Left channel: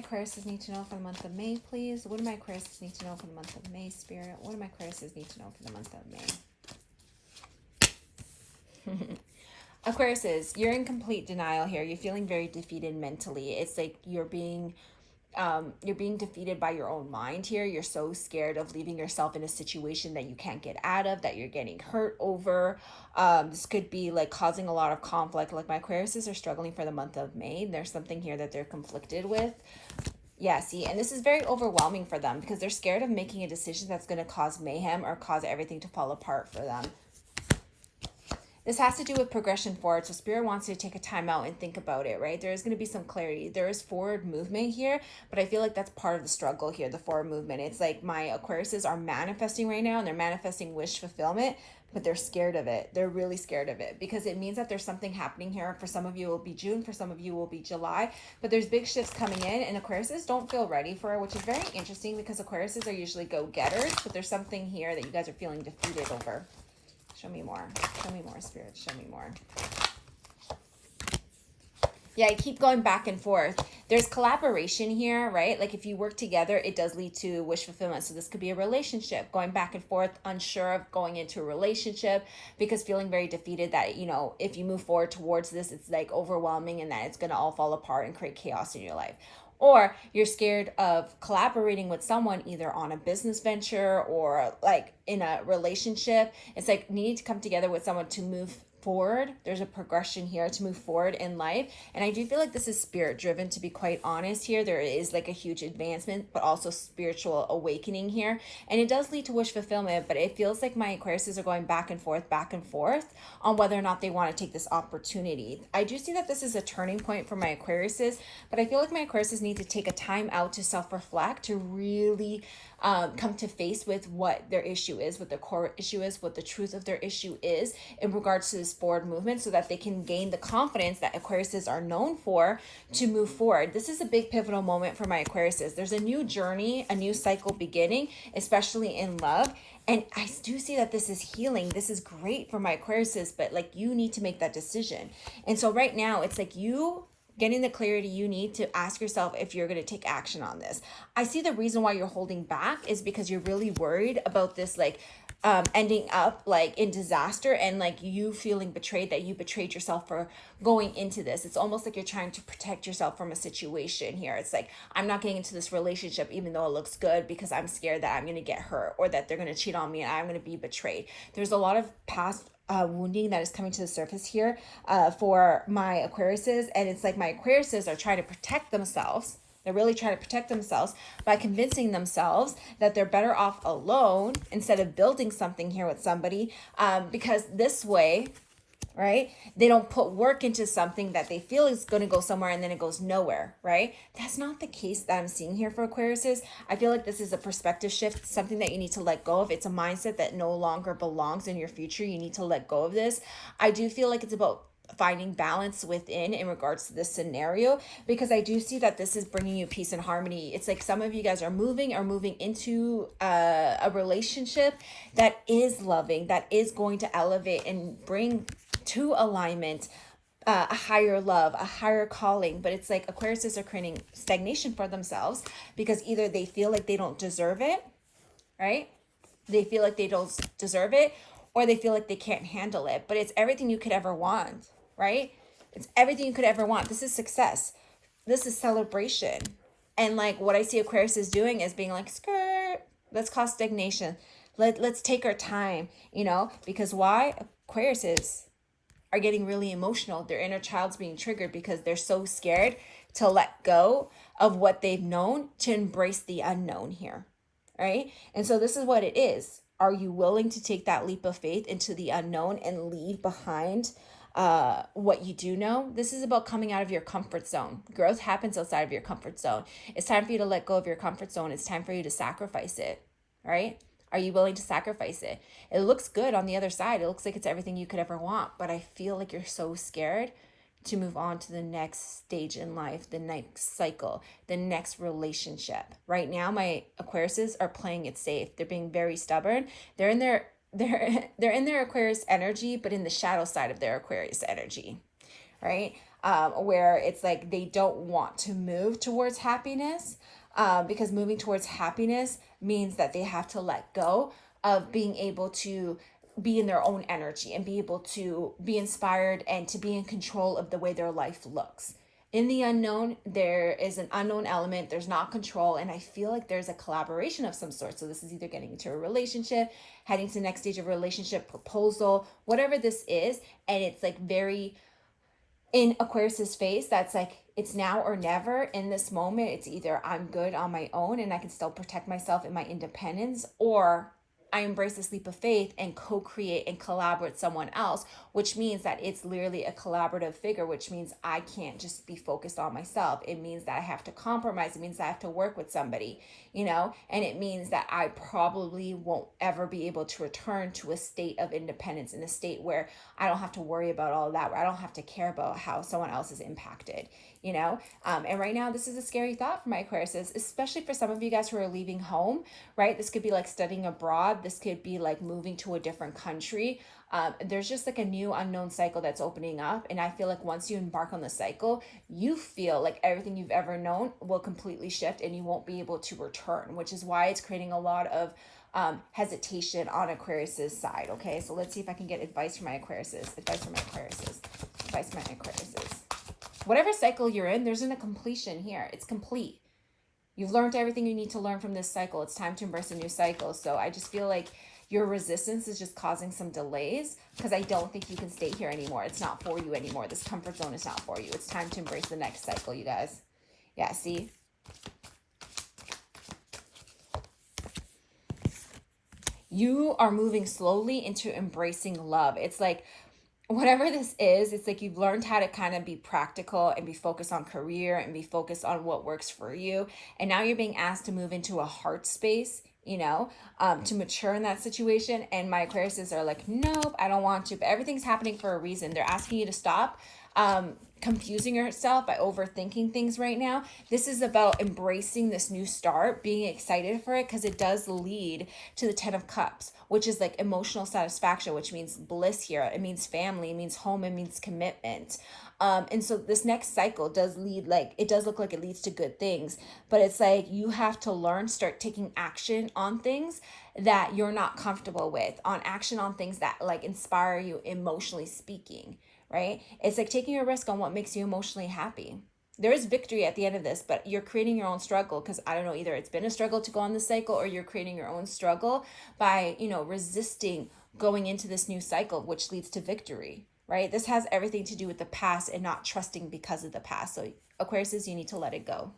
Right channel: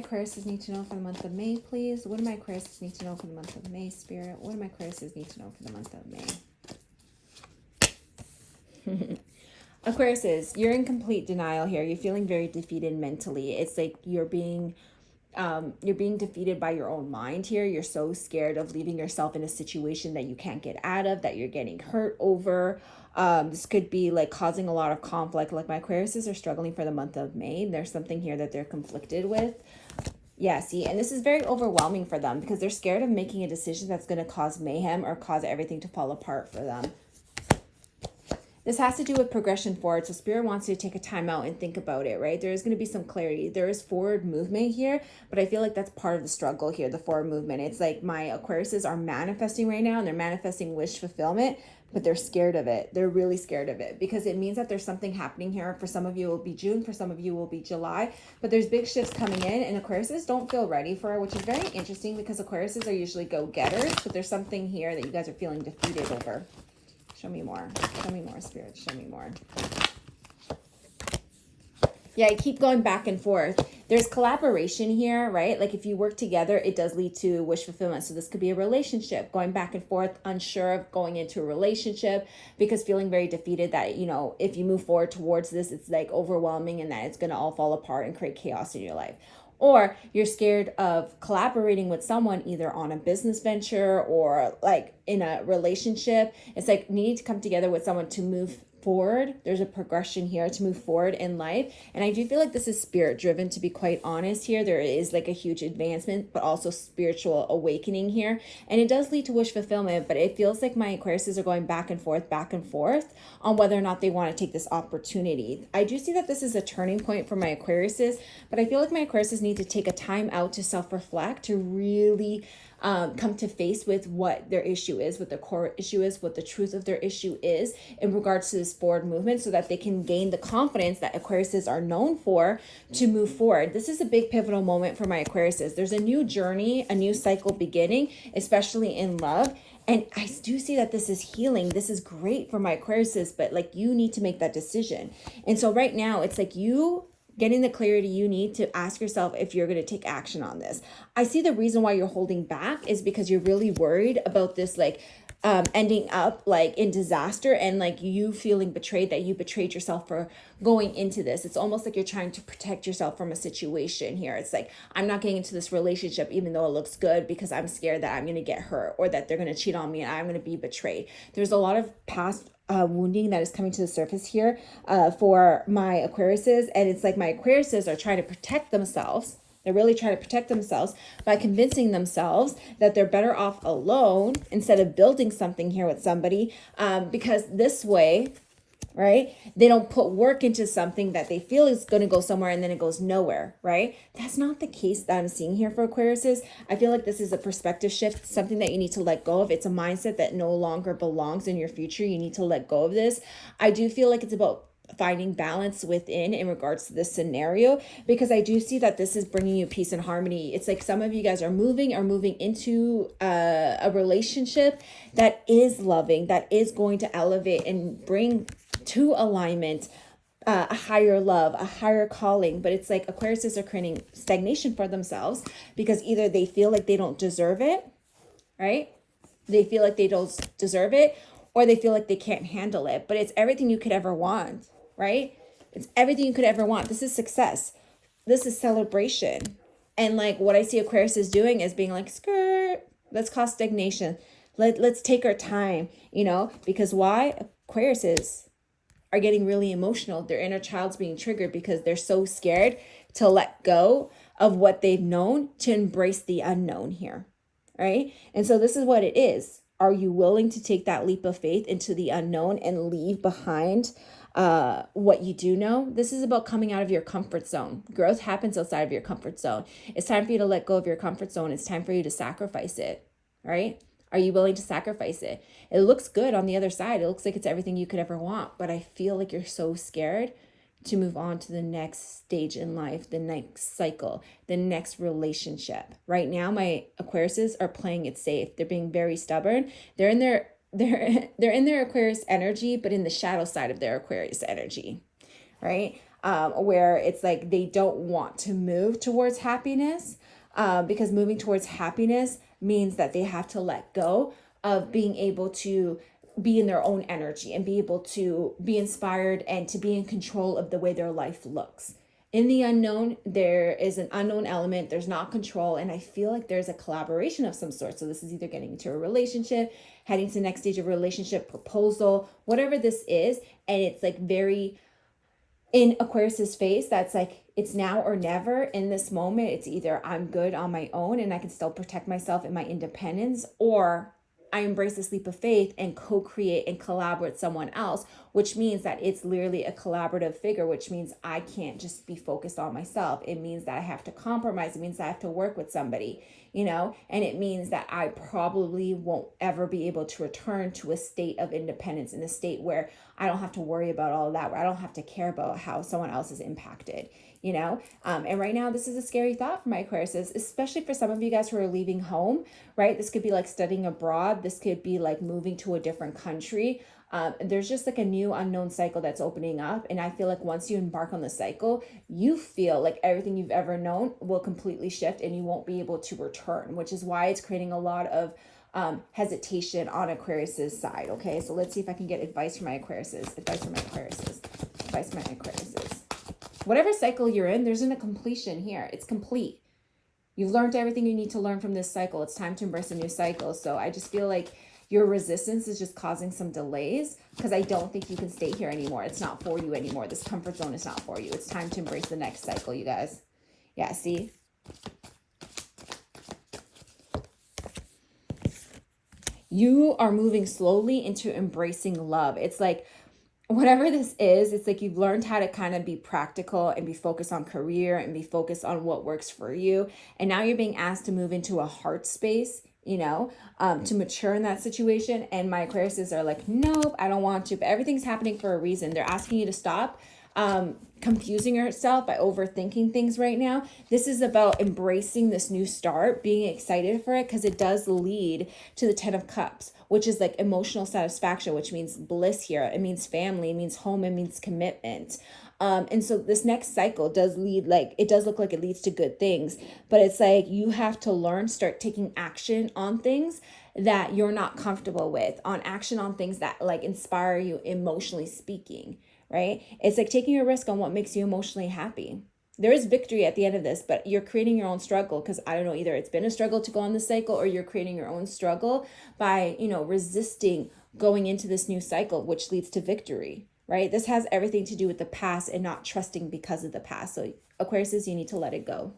Aquariuses need to know for the month of May, please? What do my Aquariuses need to know for the month of May, Spirit? What do my Aquariuses need to know for the month of May? Aquariuses, you're in complete denial here. You're feeling very defeated mentally. It's like you're being defeated by your own mind here. You're so scared of leaving yourself in a situation that you can't get out of, that you're getting hurt over. This could be like causing a lot of conflict. Like my Aquariuses are struggling for the month of May. There's something here that they're conflicted with. Yeah, see, and this is very overwhelming for them because they're scared of making a decision that's going to cause mayhem or cause everything to fall apart for them. This has to do with progression forward. So Spirit wants you to take a time out and think about it, right? There is going to be some clarity. There is forward movement here, but I feel like that's part of the struggle here, the forward movement. It's like my Aquariuses are manifesting right now and they're manifesting wish fulfillment, but they're scared of it. They're really scared of it because it means that there's something happening here. For some of you, it will be June. For some of you, it will be July. But there's big shifts coming in and Aquariuses don't feel ready for it, which is very interesting because Aquariuses are usually go-getters, but there's something here that you guys are feeling defeated over. Show me more. Show me more, Spirit. Show me more. Yeah, I keep going back and forth. There's collaboration here, right? Like if you work together, it does lead to wish fulfillment. So this could be a relationship, going back and forth, unsure of going into a relationship because feeling very defeated that, you know, if you move forward towards this, it's like overwhelming and that it's going to all fall apart and create chaos in your life. Or you're scared of collaborating with someone either on a business venture or like in a relationship. It's like you need to come together with someone to move forward. There's a progression here to move forward in life. And I do feel like this is spirit driven, to be quite honest here. There is like a huge advancement, but also spiritual awakening here. And it does lead to wish fulfillment, but it feels like my Aquariuses are going back and forth on whether or not they want to take this opportunity. I do see that this is a turning point for my Aquariuses, but I feel like my Aquariuses need to take a time out to self-reflect, to really come to face with what their issue is, what their core issue is, what the truth of their issue is in regards to this forward movement so that they can gain the confidence that Aquariuses are known for to move forward. This is a big pivotal moment for my Aquariuses. There's a new journey, a new cycle beginning, especially in love. And I do see that this is healing. This is great for my Aquariuses, but like you need to make that decision. And so right now it's like you getting the clarity you need to ask yourself if you're going to take action on this. I see the reason why you're holding back is because you're really worried about this like ending up like in disaster and like you feeling betrayed, that you betrayed yourself for going into this. It's almost like you're trying to protect yourself from a situation here. It's like, I'm not getting into this relationship even though it looks good because I'm scared that I'm going to get hurt or that they're going to cheat on me and I'm going to be betrayed. There's a lot of past wounding that is coming to the surface here for my Aquariuses, and it's like my Aquariuses are trying to protect themselves. They're really trying to protect themselves by convincing themselves that they're better off alone instead of building something here with somebody, because this way, right, they don't put work into something that they feel is going to go somewhere and then it goes nowhere, right? That's not the case that I'm seeing here for Aquariuses. I feel like this is a perspective shift, something that you need to let go of. It's a mindset that no longer belongs in your future. You need to let go of this. I do feel like it's about finding balance within in regards to this scenario, because I do see that this is bringing you peace and harmony. It's like some of you guys are moving into a relationship that is loving, that is going to elevate and bring to alignment a higher love, a higher calling. But it's like Aquariuses are creating stagnation for themselves because either they feel like they don't deserve it, right? They feel like they don't deserve it, or they feel like they can't handle it. But it's everything you could ever want, right? It's everything you could ever want. This is success. This is celebration. And like what I see Aquariuses doing is being like, skirt, let's cause stagnation. Let's take our time, you know, because why? Aquariuses are getting really emotional. Their inner child's being triggered because they're so scared to let go of what they've known to embrace the unknown here, right? And so this is what it is. Are you willing to take that leap of faith into the unknown and leave behind what you do know? This is about coming out of your comfort zone. Growth happens outside of your comfort zone. It's time for you to let go of your comfort zone. It's time for you to sacrifice it, right? Are you willing to sacrifice it? It looks good on the other side. It looks like it's everything you could ever want, but I feel like you're so scared to move on to the next stage in life, the next cycle, the next relationship. Right now, my Aquariuses are playing it safe. They're being very stubborn. They're in their Aquarius energy, but in the shadow side of their Aquarius energy, right? where it's like they don't want to move towards happiness, because moving towards happiness means that they have to let go of being able to be in their own energy and be able to be inspired and to be in control of the way their life looks. In the unknown, there is an unknown element, there's not control, and I feel like there's a collaboration of some sort. So this is either getting into a relationship, heading to the next stage of relationship, proposal, whatever this is, and it's like very in Aquarius's face, that's like it's now or never. In this moment, it's either I'm good on my own and I can still protect myself and my independence, or I embrace this leap of faith and co-create and collaborate with someone else, which means that it's literally a collaborative figure, which means I can't just be focused on myself. It means that I have to compromise. It means that I have to work with somebody, you know, and it means that I probably won't ever be able to return to a state of independence, in a state where I don't have to worry about all of that, where I don't have to care about how someone else is impacted, you know. And right now, this is a scary thought for my Aquariuses, especially for some of you guys who are leaving home, right? This could be like studying abroad. This could be like moving to a different country. There's just like a new unknown cycle that's opening up. And I feel like once you embark on the cycle, you feel like everything you've ever known will completely shift and you won't be able to return, which is why it's creating a lot of hesitation on Aquarius's side. Okay, so let's see if I can get advice from my Aquariuses. Advice from my Aquariuses. Advice from my Aquariuses. Whatever cycle you're in, there's a completion here. It's complete. You've learned everything you need to learn from this cycle. It's time to embrace a new cycle. So I just feel like your resistance is just causing some delays, because I don't think you can stay here anymore. It's not for you anymore. This comfort zone is not for you. It's time to embrace the next cycle, you guys. Yeah, see? You are moving slowly into embracing love. It's like, whatever this is, it's like you've learned how to kind of be practical and be focused on career and be focused on what works for you. And now you're being asked to move into a heart space, you know, to mature in that situation. And my Aquariuses are like, nope, I don't want to. But everything's happening for a reason. They're asking you to stop confusing yourself by overthinking things right now. This is about embracing this new start, being excited for it, because it does lead to the 10 of Cups, which is like emotional satisfaction, which means bliss here. It means family, it means home, it means commitment. And so this next cycle does lead, like, it does look like it leads to good things, but it's like you have to learn, start taking action on things that you're not comfortable with, on action on things that like inspire you emotionally speaking, right? It's like taking a risk on what makes you emotionally happy. There is victory at the end of this, but you're creating your own struggle, because I don't know, either it's been a struggle to go on this cycle, or you're creating your own struggle by, you know, resisting going into this new cycle, which leads to victory, right? This has everything to do with the past and not trusting because of the past. So Aquariuses, you need to let it go.